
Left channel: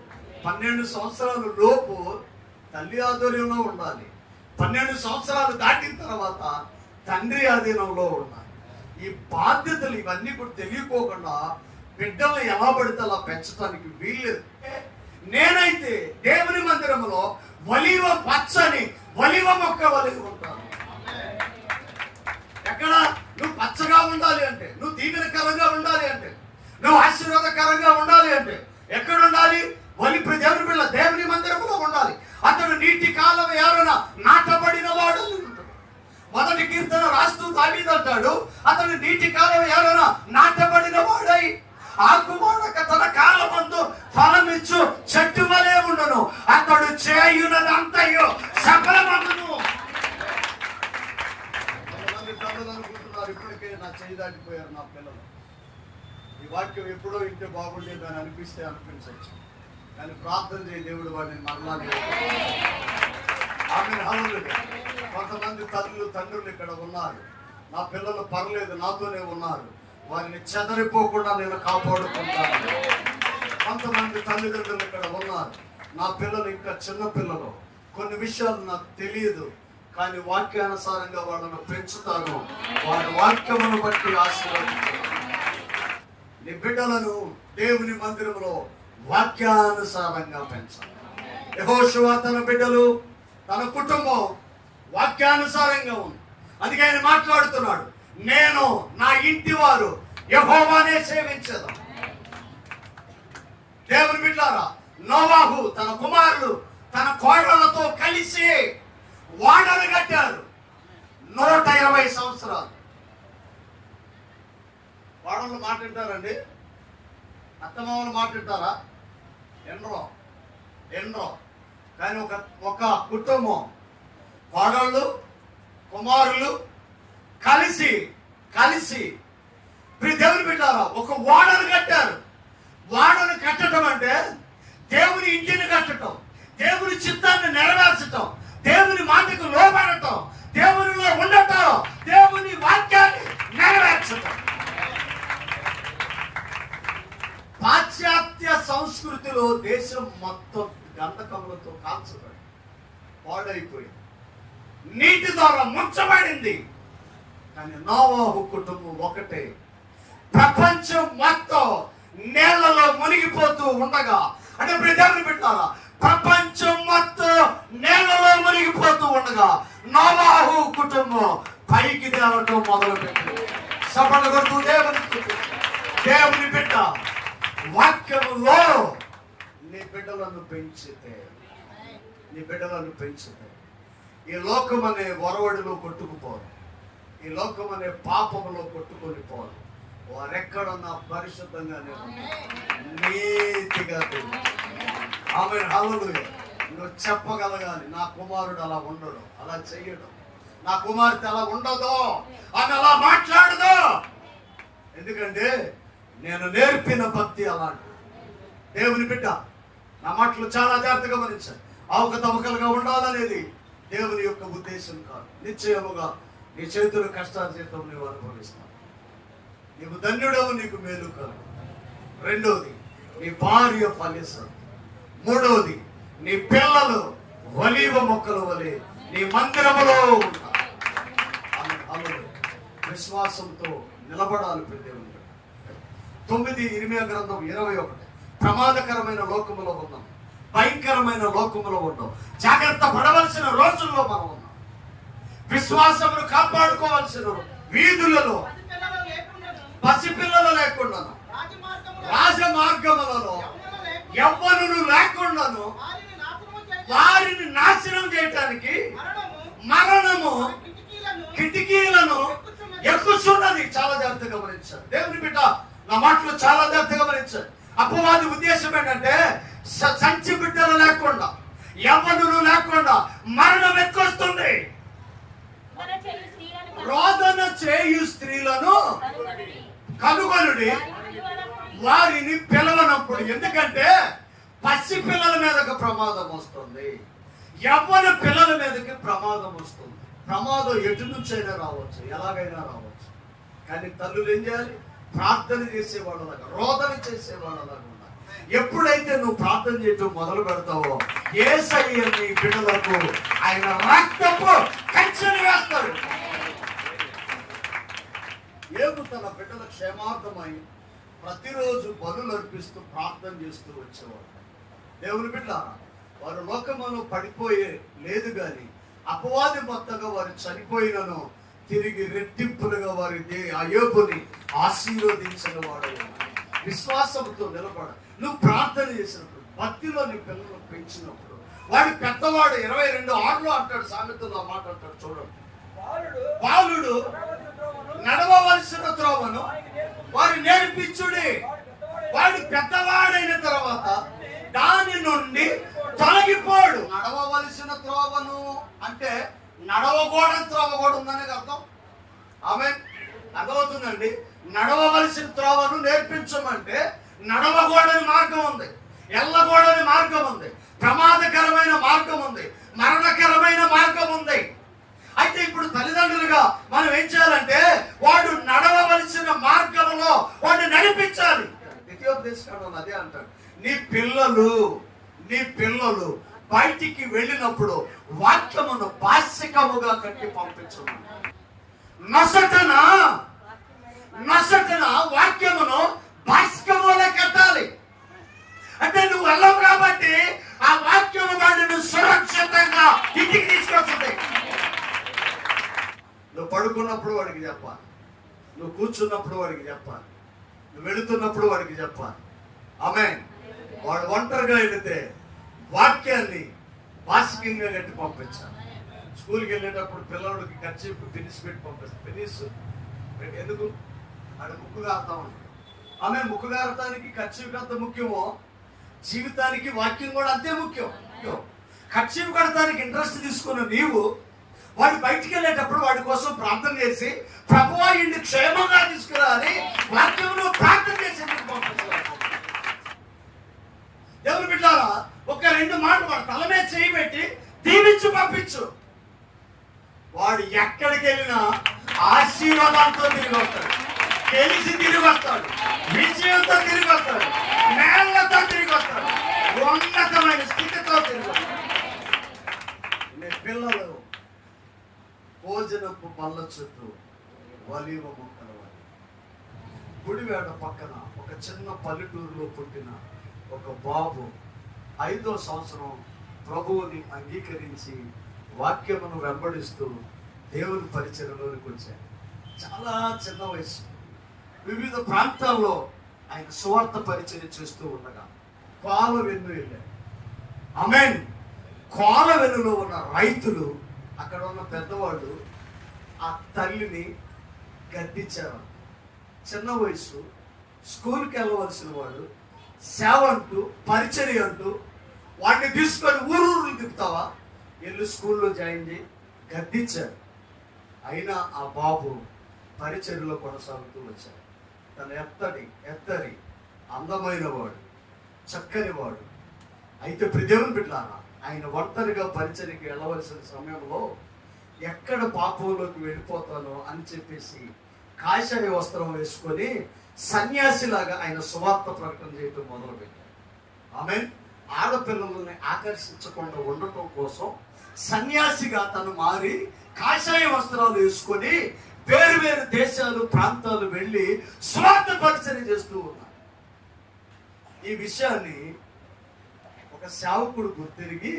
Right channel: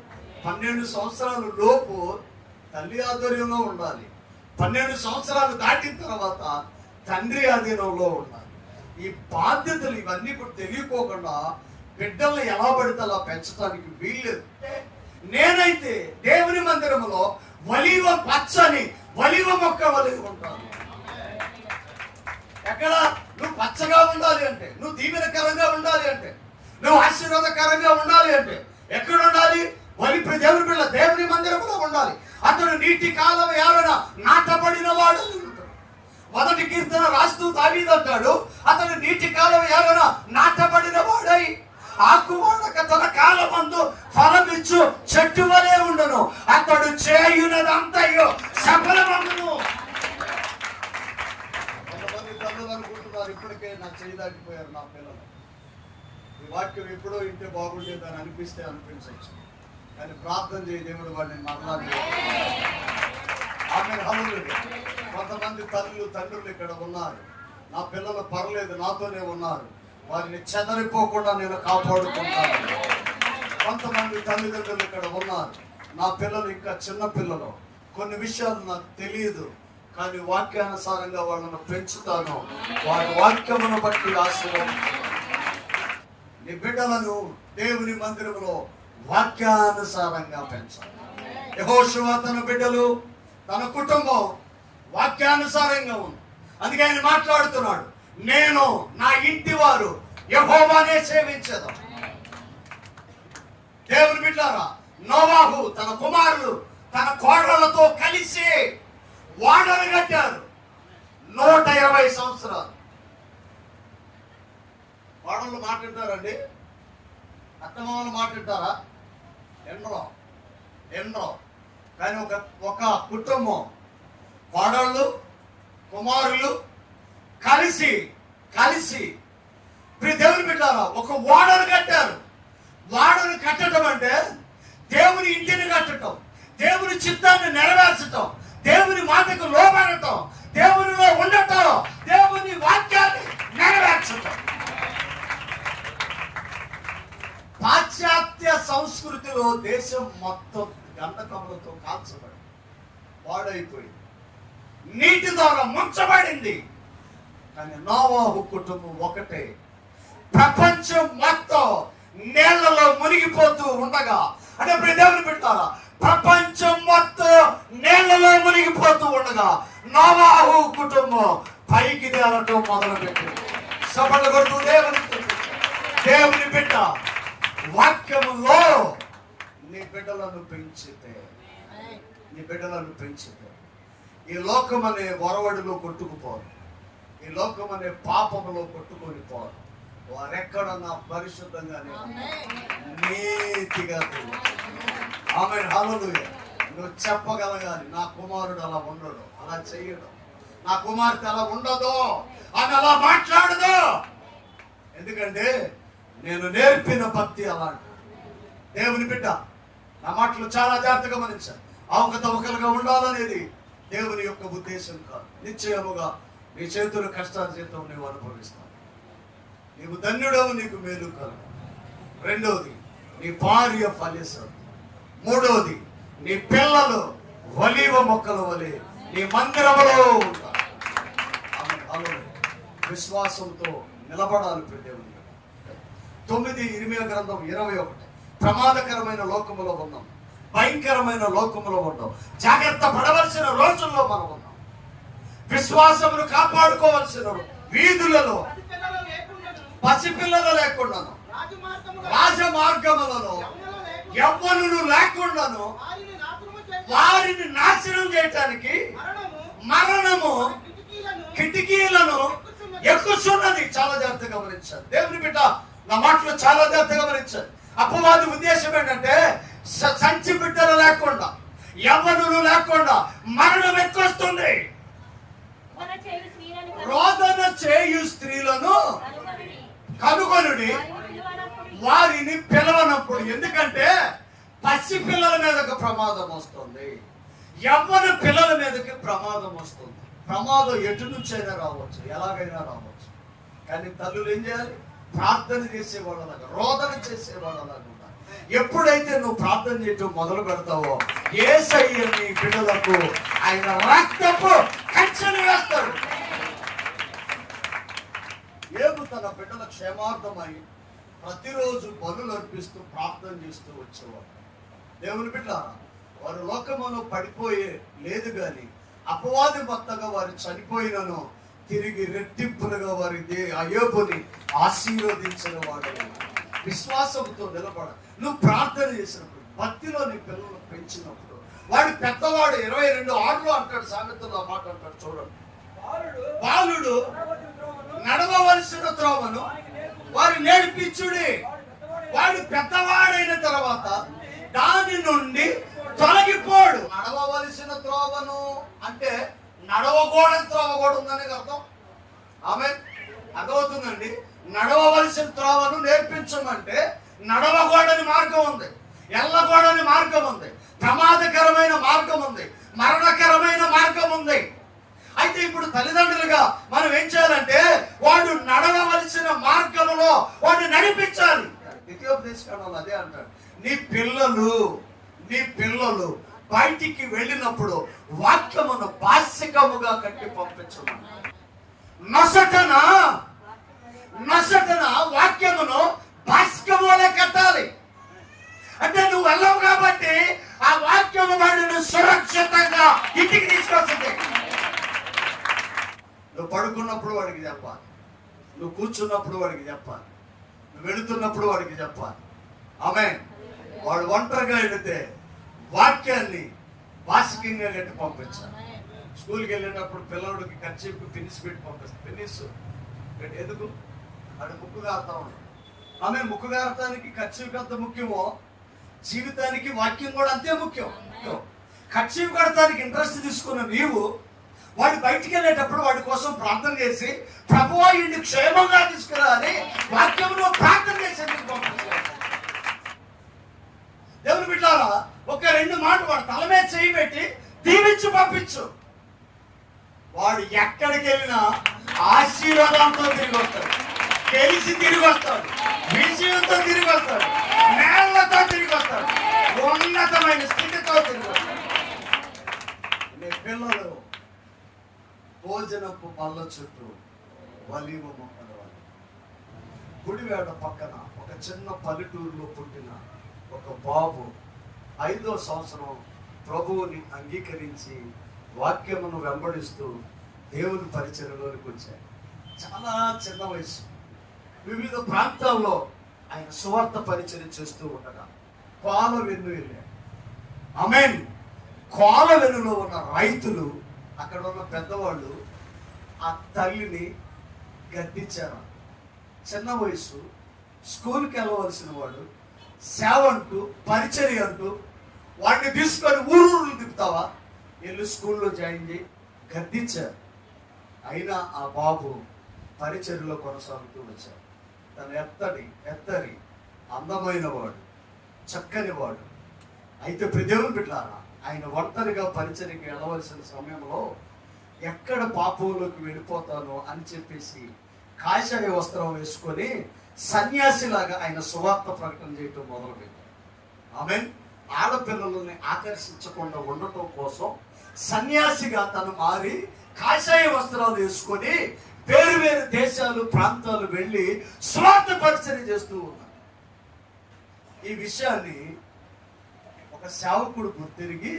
పన్నెండు సంవత్సరాల లోపు తల్లి ఆధ్వర్యంలో ఉండాలి. పన్నెండు సంవత్సరాలు దాటిన తర్వాత తండ్రి ఆధీనంలో ఉండాలి. ఈ బాధ్యతలు ఇవన్నీ కూడా తెలియకోకుండా బిడ్డల్ని ఎలా పడితే అలా పెంచడానికి వీల్లేదు. నేనైతే దేవుని మందిరంలో వలివ పచ్చని వలివ మొక్క వలిగి ఉంటాను. ఎక్కడ? నువ్వు పచ్చగా ఉండాలి అంటే నువ్వు దీవెనకరంగా ఉండాలి అంటే నువ్వు ఆశీర్వాదకరంగా ఉండాలి అంటే ఎక్కడ ఉండాలి? వలి దేవుని పిల్ల దేవుని మందిరంలో ఉండాలి. అతడు నీటి కాలం ఎవరైనా నాటబడిన వాడు. ఉంటాడు. మొదటి దావీదు అంటాడు అతను నీటి కాలం ఎవరైనా నాటబడిన వాడై ఆకుమాడక తన కాలమందు ఫలమిచ్చు చెట్టు వలె ఉండును. అతడు చేయునదంతయో సఫలమగును. కొంతమంది అనుకుంటున్నారు ఇప్పటికే నా చేయి దాటిపోయారు నా పిల్లలు. ఈ వాక్యం ఎప్పుడో ఇంటే బాగుండేదని అనిపిస్తే అనిపించవచ్చు కానీ ప్రార్థన చేయ దేవుడు వాడిని మరలా ఆమె. కొంతమంది తల్లులు తండ్రులు ఇక్కడ ఉన్నారు. నా పిల్లలు పర్లేదు నాతోనే ఉన్నారు. వారిని చెదరిపోకుండా నేను కాపాడుకుంటాను. కొంతమంది తల్లిదండ్రులు ఇక్కడ ఉన్నారు. నా పిల్లలు ఇంకా చిన్న పిల్లలు. కొన్ని విషయాలు నాకు తెలియదు కానీ వాక్యానుసారంగా వాళ్ళను పెంచుతాను. వారి వాక్యమును బట్టి ఆశీర్వదిస్తాను నీ బిడ్డలను దేవుని మందిరంలో వాక్యానుసారంగా పెంచాలి యహోషువ తన బిడ్డలు తన కుటుంబం వాక్యానుసారంగా ఉంది అందుకే ఆయన మాట్లాడుతున్నాడు నేను నా ఇంటి వారు యహోవానే సేవించదు. దేవుని బిడ్డారా నోవాహు తన కుమారులు తన కోడళ్ళతో కలిసి వాడలు కట్టారు నూట ఇరవై సంవత్సరాలు. వాడళ్ళు మాట వింటారండి? అత్తమామలు మాట వింటారా? ఎన్నో ఎన్నో కానీ ఒక ఒక కుటుంబం కోడళ్ళు కుమారులు కలిసి కలిసి మీరు దేవుని పెట్టాలా? ఒక వాడను కట్టారు. వాడను కట్టడం అంటే దేవుని ఇంటిని కట్టడం దేవుని చిత్తాన్ని నెరవేర్చడం దేవుని మాటకు లోబడటం దేవునిలో ఉండటం దేవుని వాక్యాన్ని నెరవేర్చటం. పాశ్చాత్య సంస్కృతిలో దేశం మొత్తం గంధకములతో కాల్చబడి పాడైపోయింది. నీటి ద్వారా ముంచబడింది. కానీ నోవాహు కుటుంబం ఒకటే. ప్రపంచం మొత్తం నేలలో మునిగిపోతూ ఉండగా అంటే ప్రజలు పెట్టారా ప్రపంచం మొత్తం నేలలో మునిగిపోతూ ఉండగా నోవాహు కుటుంబం పైకి తేవటం మొదలు పెట్టింది సభలు కొడుతూ దేవుని దేవుని బిడ్డ వాక్యములో నీ బిడ్డలను పెంచితే నీ బిడ్డలను పెంచితే ఈ లోకమనే వరవడిలో కొట్టుకుపోరు ఈ లోకమనే పాపములో కొట్టుకొని పోరు వారెక్కడన్నా పరిశుద్ధంగానే నీతిగా ఆమె హల్లెలూయా. నువ్వు చెప్పగలగాలి. నా కుమారుడు అలా ఉండడు. అలా చెయ్యడు. నా కుమార్తె అలా ఉండదు ఆమె అలా మాట్లాడదు. ఎందుకంటే నేను నేర్పిన భక్తి అలాంటి దేవుని బిడ్డ నా మాటలు చాలా జాగ్రత్తగా గమనించాను అవకతవకలుగా ఉండాలనేది దేవుని యొక్క ఉద్దేశం కాదు. నిశ్చయముగా నీ చేతులు కష్టార్జితం నీవు అనుభవిస్తావు. నీకు ధన్యుడవు నీకు మేలు కాదు రెండోది నీ భార్య ఫలిస్తుంది మూడోది నీ పిల్లలు వలీవ మొక్కలు వలె నీ మందిరములో ఉంటారు. విశ్వాసంతో నిలబడాలి ప్రతి దేవుని. తొమ్మిది ఇరవై గ్రంథం ఇరవై ఒకటి. ప్రమాదకరమైన లోకములో ఉన్నాం. భయంకరమైన లోకములో ఉన్నాం. జాగ్రత్త పడవలసిన రోజుల్లో మనం ఉన్నాం. విశ్వాసమును కాపాడుకోవాల్సిన వీధులలో పసిపిల్లలు లేకుండాను, రాజమార్గములలో లేకుండాను రాజ మార్గములలో లేకుండాను వారిని నాశనం చేయటానికి మరణము కిటికీలను కిటికీలను ఎక్కుతున్నది. చాలా జాగ్రత్తగా గమనించారు దేవుని బిడ్డ నా మాటలు చాలా జాగ్రత్తగా గమనించారు అపవాది ఉద్దేశం ఏంటంటే సంచి బిడ్డలు లేకుండా యవ్వనులు లేకుండా మరణం ఎక్కువస్తుంది రోదన చేయు స్త్రీలను కనుగొని. కనుగొనుడి. వారిని పిలువనప్పుడు ఎందుకంటే పసి పిల్లల మీదకి ప్రమాదం వస్తుంది. యవ్వన పిల్లల మీదకి ప్రమాదం వస్తుంది. ప్రమాదం ఎటు నుంచైనా రావచ్చు ఎలాగైనా రావచ్చు. కానీ తల్లులు ఏం చేయాలి? ప్రార్థన చేసేవాళ్ళలాగా రోదన చేసేవాళ్ళలాగా ఎప్పుడైతే నువ్వు ప్రార్థన చేయటం మొదలు పెడతావో ఏసయ్య నీ బిడ్డలకు ఆయన రక్తపు కంచెలు వేస్తాడు. ఏబు తన బిడ్డల క్షేమార్థమై ప్రతిరోజు బలు అర్పిస్తూ ప్రార్థన చేస్తూ వచ్చేవాడు. దేవుని బిడ్డ వారు లోకములో పడిపోయే లేదు కానీ అపవాది మొత్తంగా వారు చనిపోయినను తిరిగి రెట్టింపులుగా వారి దే అయోబుని ఆశీర్వదించిన వాడు విశ్వాసంతో నిలబడదు నువ్వు ప్రార్థన చేసినప్పుడు భక్తిలో నీ పిల్లలు పెంచినప్పుడు వాడి పెద్దవాడు ఇరవై రెండు ఆరులో అంటాడు సామెతలో మాట అంటాడు చూడండి బాలుడు నడవవలసిన త్రోవను వారి నేర్పించుడి వాడు పెద్దవాడైన తర్వాత దాని నుండి తొలగిపోడు. నడవవలసిన త్రోవను అంటే నడవకూడని త్రోవ కూడా ఉందని అర్థం? ఆమె అర్థమవుతుందండి? నడవవలసిన త్రోవను నేర్పించమంటే నడవకూడని మార్గం ఉంది. వెళ్ళకూడని మార్గం ఉంది. ప్రమాదకరమైన మార్గం ఉంది. మరణకరమైన మార్గం ఉంది. అయితే ఇప్పుడు తల్లిదండ్రులుగా మనం ఏం చేయాలంటే వాడు నడవవలసిన మార్గంలో వాడిని నడిపించాలి. ద్వితీయోపదేశకాండంలో అదే అంటాడు. నీ పిల్లలు నీ పిల్లలు బయటికి వెళ్ళినప్పుడు వాక్యమును పాశికముగా కట్టి పంపించమని నసటన? నసటన? వాక్యమును బాసికములే కట్టాలి. అంటే నువ్వు వెళ్ళవు కాబట్టి ఆ వాక్యము వాడిని సురక్షితంగా ఇంటికి తీసుకొస్తుంది. నువ్వు పడుకున్నప్పుడు వాడికి చెప్పాలి. నువ్వు కూర్చున్నప్పుడు వాడికి చెప్పాలి. నువ్వు వెళుతున్నప్పుడు వాడికి చెప్పాలి. ఆమె వాడు ఒంటరిగా వెళితే వాక్యాన్ని బాసికంగా కట్టి పంపించాలి. స్కూల్కి వెళ్ళేటప్పుడు పిల్లోడికి ఖర్చు తినిసి పెట్టి పంపిస్తాను తినిసు ఎందుకు? అటు ముక్కు కారుతా ఉంటాం ఆమె ముక్కు కారటానికి ఖర్చు ఎంత ముఖ్యమో? జీవితానికి వాక్యం కూడా అంతే ముఖ్యం. ఖర్చు కడటానికి ఇంట్రెస్ట్ తీసుకున్న నీవు వాడు బయటికి వెళ్ళేటప్పుడు వాడి కోసం ప్రార్థన చేసి ప్రభువా ఇండి క్షేమంగా తీసుకురా అని వాక్యంలో ప్రార్థన చేసేందుకు పంపిస్తున్నాడు దేవుని బిడ్డారా ఒక రెండు మాటలు వాడు తల మీద చేయి పెట్టి దీవించు పంపించు. వాడు ఎక్కడికి వెళ్ళినా ఆశీర్వాదంతో తిరిగి వస్తాడు. తెలిసి తిరిగి వస్తాడు. విజయంతో తిరిగి వస్తాడు నేళ్ళతో తిరిగి వస్తాడు ఉన్నతమైన స్థితితో తిరిగి వస్తాడు నీ పిల్లలు భోజనపు పళ్ళ చుట్టూ వలీవ మొక్కల గుడివేడ పక్కన ఒక చిన్న పల్లెటూరులో పుట్టిన ఒక బాబు ఐదో సంవత్సరం ప్రభువుని అంగీకరించి వాక్యమును వెంబడిస్తూ దేవుని పరిచయలోనికి వచ్చారు చాలా చిన్న వయసు. వివిధ ప్రాంతాల్లో ఆయన సువార్త పరిచయం చేస్తూ ఉండగా కోల వెన్ను వెళ్ళాడు. అమెన్ కోల వెన్నులో ఉన్న రైతులు అక్కడ ఉన్న పెద్దవాళ్ళు ఆ తల్లిని గద్దించారు. చిన్న వయసు స్కూల్కి వెళ్ళవలసిన వాడు సేవ అంటూ పరిచర్య అంటూ వాడిని తీసుకొని ఊరూరు తిప్పుతావా? వెళ్ళి స్కూల్లో జాయిన్ చేయి గద్దించారు. అయినా ఆ బాబు పరిచర్యలో కొనసాగుతూ వచ్చారు తన ఎత్తడి ఎత్తరి అందమైన వాడు చక్కని వాడు అయితే ప్రదేవుని పెట్టారా ఆయన ఒంటరిగా పరిచయకి వెళ్ళవలసిన సమయంలో ఎక్కడ పాపంలోకి వెళ్ళిపోతానో అని చెప్పేసి కాషాయ వస్త్రం వేసుకొని సన్యాసిలాగా ఆయన సువార్త ప్రకటన చేయటం మొదలుపెట్టారు. ఆమె ఆడపిల్లలని ఆకర్షించకుండా ఉండటం కోసం సన్యాసిగా తను మారి కాషాయ వస్త్రాలు వేసుకొని వేరు వేరు దేశాలు ప్రాంతాలు వెళ్ళి స్వార్థ పరిచయం చేస్తూ ఉన్నారు. ఈ విషయాన్ని ఒక సేవకుడు గుర్తిరిగి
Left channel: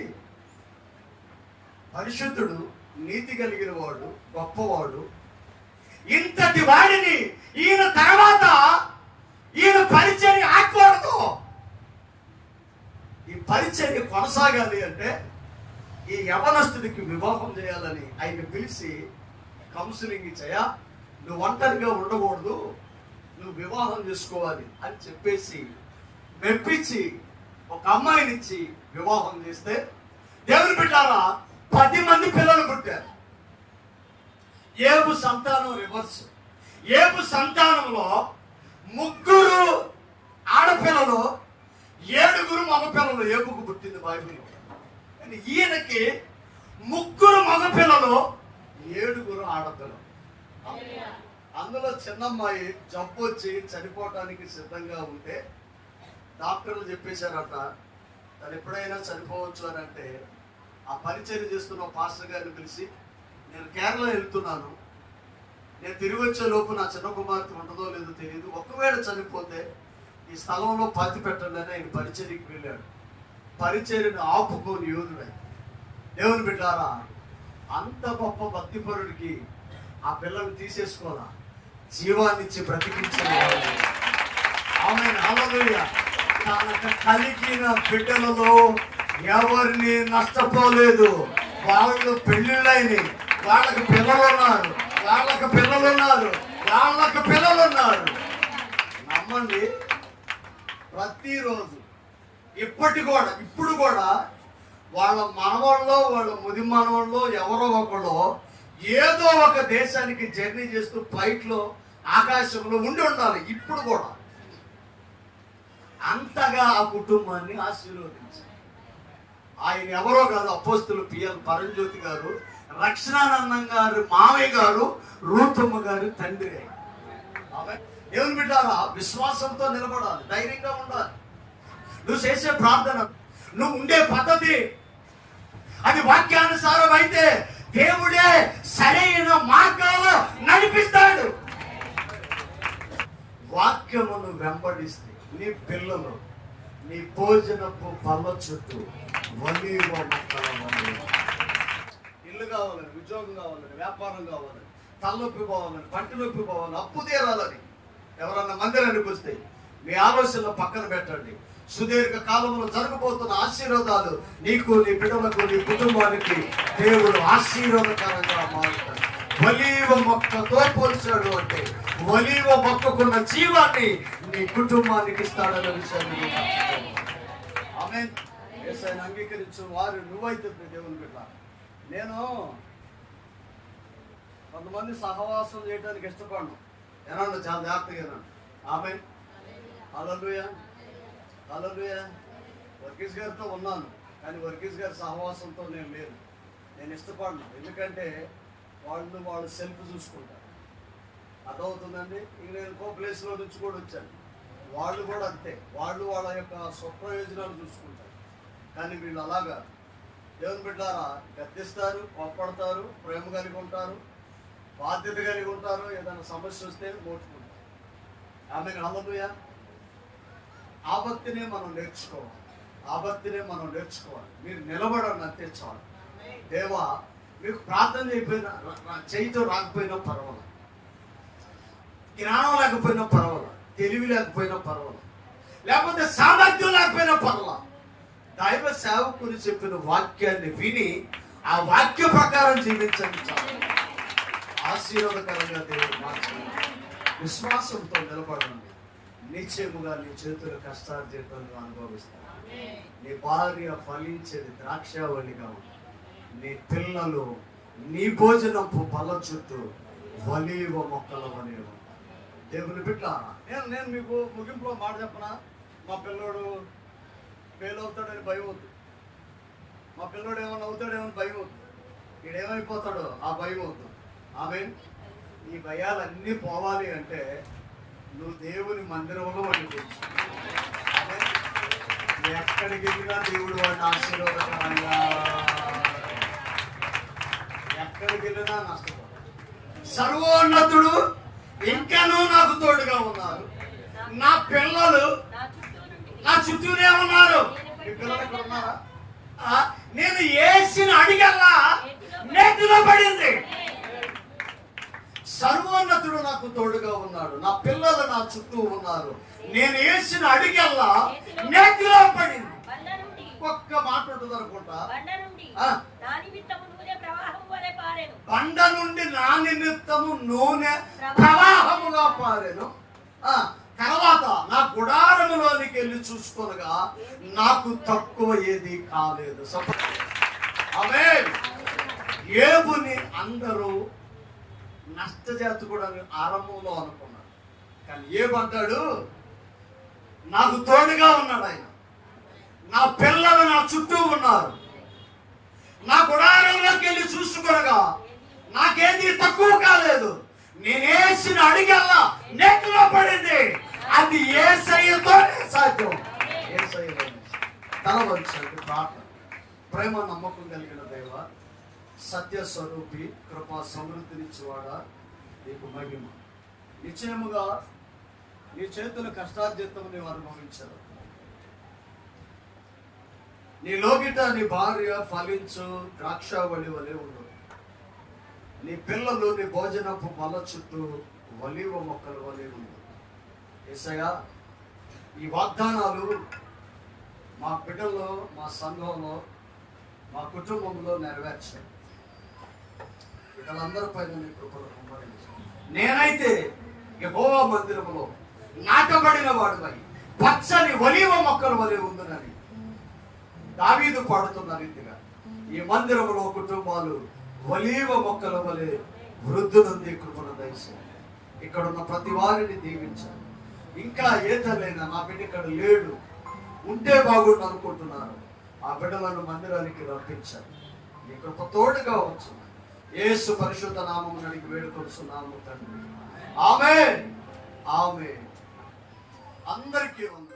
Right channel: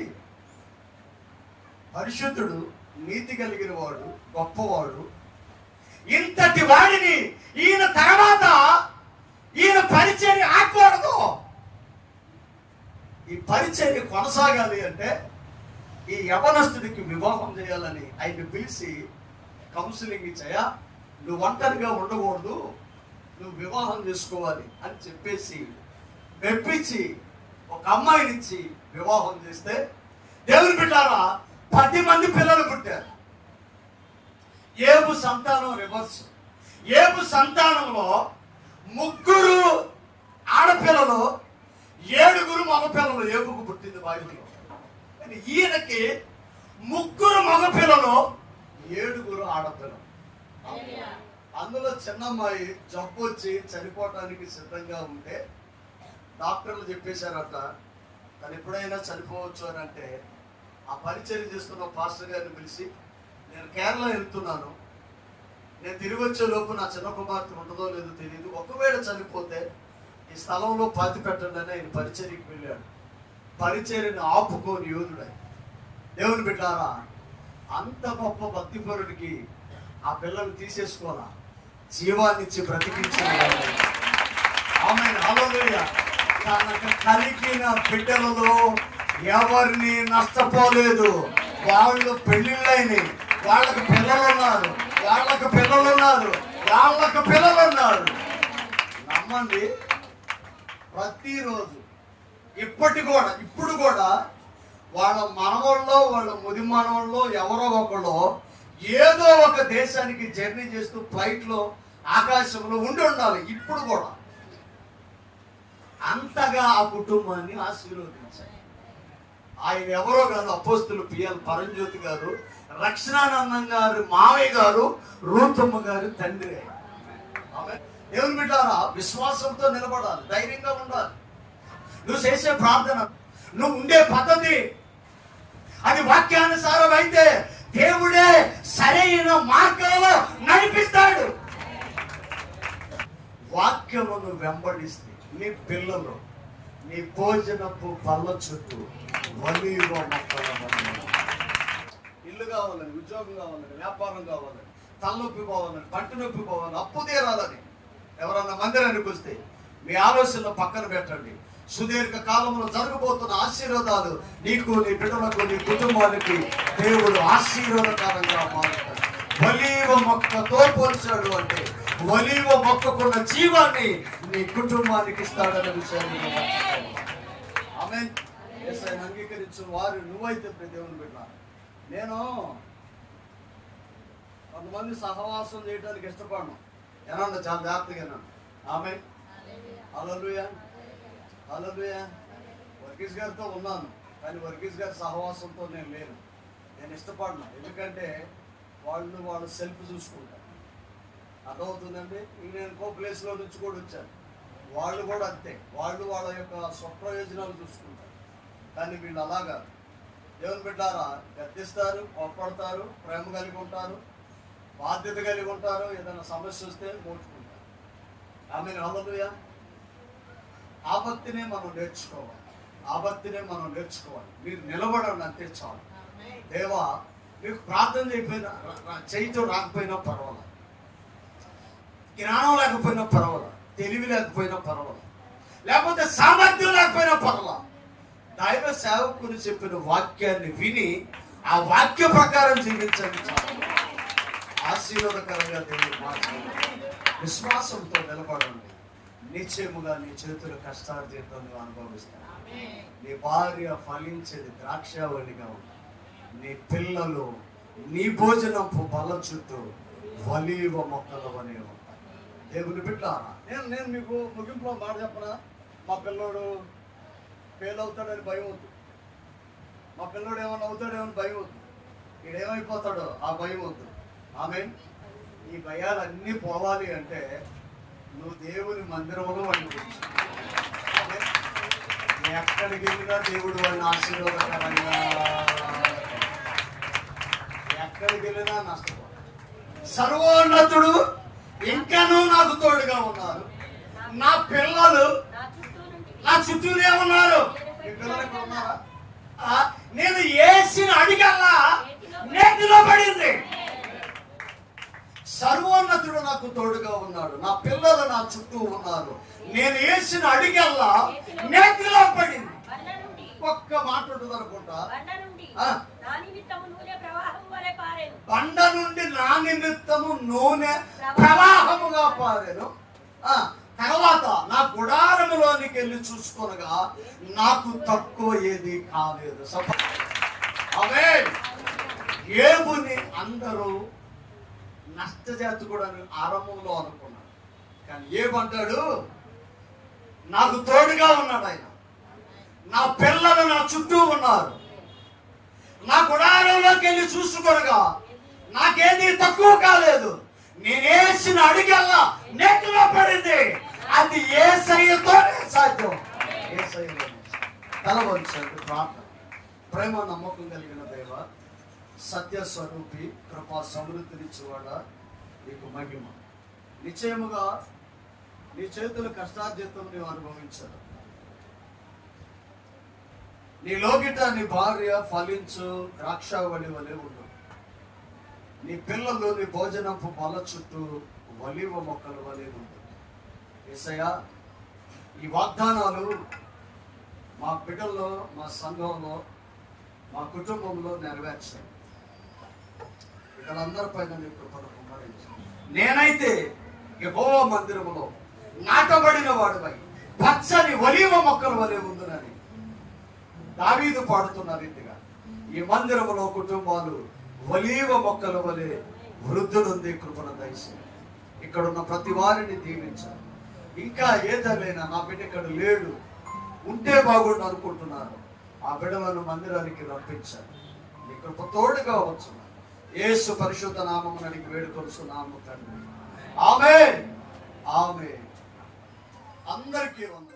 పరిశుద్ధుడు నీతి కలిగిన వాడు గొప్పవాడు ఇంతటి వాడిని ఈయన తర్వాత ఈయన పరిచర్య ఆకూడదు ఈ పరిచర్య కొనసాగాలి అంటే ఈ యవనస్తుడికి వివాహం చేయాలని ఆయన పిలిచి కౌన్సిలింగ్ ఇచ్చాయా నువ్వు ఒంటరిగా ఉండకూడదు. నువ్వు వివాహం చేసుకోవాలి అని చెప్పేసి మెప్పించి ఒక అమ్మాయినిచ్చి వివాహం చేస్తే దేవుని బిడ్డారా పది మంది పిల్లలు పుట్టారు. ఏబు సంతానం రివర్స్ ఏబు సంతానంలో ముగ్గురు ఆడపిల్లలు ఏడుగురు మగపిల్లలు ఏబుకు పుట్టింది బైబిల్లో. ఈయనకి ముగ్గురు మగపిల్లలు ఏడుగురు ఆడపిల్లలు. అందులో చిన్నమ్మాయి జబ్బు వచ్చి చనిపోవటానికి సిద్ధంగా ఉంటే డాక్టర్లు చెప్పేశారట తను ఎప్పుడైనా చనిపోవచ్చు అని అంటే ఆ పరిచయం చేస్తున్న పాస్టర్ గారిని పిలిచి నేను కేరళ వెళ్తున్నాను. నేను తిరిగి వచ్చే లోపు నా చిన్న కుమార్తె ఉంటుందో లేదో తెలియదు. ఒకవేళ చనిపోతే ఈ స్థలంలో పాతి పెట్టండి అని ఆయన పరిచర్యకి వెళ్ళాడు. పరిచర్యను ఆపుకోని యోధుడై దేవుని బిడ్డారా అంత గొప్ప భక్తిపరుడికి ఆ పిల్లల్ని తీసేసుకోవాలా? జీవాన్నిచ్చి బ్రతికించిన ఆమె హల్లెలూయా. తనకు కలిగిన బిడ్డలలో ఎవరిని నష్టపోలేదు. వాళ్ళు పెళ్ళిళ్ళైనవి వాళ్ళకి పిల్లలు ఉన్నారు వాళ్ళకి పిల్లలున్నారు. వాళ్ళకి నమ్మండి ప్రతిరోజు ఇప్పటి కూడా ఇప్పుడు కూడా వాళ్ళ మనవాళ్ళలో వాళ్ళ ముది మనవాళ్ళలో ఎవరో ఒకళ్ళు ఏదో ఒక దేశానికి జర్నీ చేస్తూ ఫ్లైట్లో ఆకాశంలో ఉండి ఉండాలి ఇప్పుడు కూడా. అంతగా ఆ కుటుంబాన్ని ఆశీర్వదించాలి. ఆయన ఎవరో కాదు అపోస్తులు పిఎల్ పరంజ్యోతి గారు రక్షణానందం గారు మావయ్య గారు రూతమ్మ గారు తండ్రి ఆయన. దేవుని బిడ్డారా విశ్వాసంతో నిలబడాలి ధైర్యంగా ఉండాలి. నువ్వు చేసే ప్రార్థన నువ్వు ఉండే పద్ధతి అది వాక్యానుసారం అయితే దేవుడే సరైన మార్గంలో నడిపిస్తాడు. వాక్యమును వెంబడిస్తే నీ పిల్లలు నీ భోజనపు పళ్ళ చుట్టూ వలీవ ఇల్లు కావాలని ఉద్యోగం కావాలని వ్యాపారం కావాలని తలనొప్పి పోవాలని పంట నొప్పి పోవాలని అప్పు తీరాలని. ఎవరన్నా మందిరానికి వస్తే మీ ఆలోచనలో పక్కన పెట్టండి. సుదీర్ఘ కాలంలో జరగబోతున్న ఆశీర్వాదాలు నీకు నీ బిడ్డలకు నీ కుటుంబానికి దేవుడు ఆశీర్వాదకరంగా మారుతాడు. ఒలీవ మొక్కతో పోల్చాడు అంటే ఒలీవ మొక్కకున్న జీవాన్ని నీ కుటుంబానికి ఇస్తాడనే విషయాన్ని. ఆమేన్. యేసయ్యను అంగీకరించు వారు నువ్వైతే దేవుని బిడ్డ. నేను కొంతమంది సహవాసం చేయడానికి ఇష్టపడను. ఏమన్నా చాలా జాగ్రత్తగా ఆమె అలలుయ అలలుయ వర్గీస్ గారితో ఉన్నాను కానీ వర్గీస్ గారి సహవాసంతో నేను లేను. నేను ఇష్టపడను. ఎందుకంటే వాళ్ళు వాళ్ళు సెల్ఫ్ చూసుకుంటారు. అర్థమవుతుందండి? నేను ఇంకో ప్లేస్లో నుంచి కూడా వచ్చాను. వాళ్ళు కూడా అంతే. వాళ్ళు వాళ్ళ యొక్క స్వప్రయోజనాలు చూసుకుంటారు. కానీ వీళ్ళు అలాగా. దేవుని బిడ్డారా గద్దిస్తారు కోప్పడతారు ప్రేమ కలిగి ఉంటారు బాధ్యత కలిగి ఉంటారు. ఏదైనా సమస్య వస్తే మోచుకుంటారు ఆమె హల్లెలూయా. ఆపత్తినే మనం నేర్చుకోవాలి. ఆపత్తినే మనం నేర్చుకోవాలి. మీరు నిలబడండి అంతే చాలు. దేవా మీకు ప్రార్థన చేయకపోయినా రా- రాకపోయినా పర్వాలేదు. జ్ఞానం లేకపోయినా పర్వాలేదు. తెలివి లేకపోయినా పర్వాలేదు. లేకపోతే సామర్థ్యం లేకపోయినా పర్వాలేదు. దైవ సేవకులు చెప్పిన వాక్యాన్ని విని ఆ వాక్య ప్రకారం జీవించండి చాలు. ఆశీర్వాదకరంగా దేవుడు మార్చండి. విశ్వాసంతో నిలబడండి. నిశ్చయముగా నీ చేతుల కష్టార్జితం నువ్వు అనుభవిస్తావు. నీ భార్య ఫలించేది ద్రాక్షావళిగా ఉంది. నీ పిల్లలు నీ భోజనపు బల చుట్టూ వలీవ మొక్కలు వలె దేవుని బిడ్డ నేను నేను మీకు ముగింపులో మాట చెప్పనా? మా పిల్లోడు ఫెయిల్ అవుతాడని భయం వద్దు. మా పిల్లోడు ఏమైనా అవుతాడేమని భయం వద్దు. ఈడేమైపోతాడో ఆ భయం వద్దు. ఆమె ఈ భయాలన్నీ పోవాలి అంటే నువ్వు దేవుని మందిరంలో వండుకోవచ్చు ఎక్కడికి వెళ్ళినా దేవుడు వాడిని ఆశీర్వాదకరంగా ఎక్కడికి వెళ్ళినా నష్టపోతాడు సర్వోన్నతుడు ఇంకాను నాకు తోడుగా ఉన్నారు. నా పిల్లలు నా చుట్టూ చుట్టూనే ఉన్నారు. నేను వేసిన అడిగల్లా నేతిలో పడింది. సర్వోన్నతుడు నాకు తోడుగా ఉన్నాడు. నా పిల్లలు నా చుట్టూ ఉన్నారు. నేను వేసిన అడిగల్లా నేతిలో పడింది. ఒక్క మాట ఉంటుంది అనుకుంటా బండ నుండి నా నిమిత్తము నూనె ప్రవాహం వలె ప్రవాహముగా పారాను. తర్వాత నా గుడారములోనికి వెళ్ళి చూసుకొనగా నాకు తక్కువ ఏది కాలేదు. అవే ఏబుని అందరూ నష్టజాతి కూడా ఆరంభంలో అనుకున్నాడు. కానీ ఏమంటాడు? నాకు తోడుగా ఉన్నాడు ఆయన. నా పిల్లలు నా చుట్టూ ఉన్నారు. నా గుడారంలోకి వెళ్ళి చూసుకోనగా నాకేది తక్కువ కాలేదు. నేనేసిన అడిగల్లా నెట్లో పడింది. అది ఏ సయ్యతోనే సాధ్యం. ఏ సయ్యలోనే తల వంచండి ప్రార్థన. ప్రేమ నమ్మకం కలిగిన సత్య స్వరూపి కృపా సమృద్ధినిచ్చువాడా నీకు మహిమ. నిశ్చయముగా నీ చేతుల కష్టార్జితం నీవు అనుభవించదు నీ లోగిట నీ భార్య ఫలించు ద్రాక్షావళి వలె ఉండు. నీ పిల్లలు నీ భోజనపు మొల చుట్టూ వలివ మొక్కల వలె ఉండు. ఏసయ్య ఈ వాగ్దానాలు మా బిడ్డల్లో మా సంఘంలో మా కుటుంబంలో నెరవేర్చాయి. బిడ్డలందరి పైన నేనైతే యహోవ మందిరములో నాటబడిన వాడుపై పచ్చని ఒలివ మొక్కల వలె ఉందని దావీదు పాడుతున్న రీతిగా ఈ మందిరములో కుటుంబాలు ఒలీవ మొక్కల వలె వృద్ధులుంది కృపణ దయచి ఇక్కడ ఉన్న ప్రతి వారిని దీవించాలి. ఇంకా ఏ తల్లైనా నా బిడ్డ ఇక్కడ లేడు ఉంటే బాగుండు అనుకుంటున్నారు ఆ బిడ్డలను మందిరానికి రప్పించాలి. నీ కృప తోడుగా వచ్చు యేసు పరిశుద్ధ నామమున నీకు వేడుకొస్తున్నాము తండ్రి. ఆమె ఆమె అందరికీ ఉంది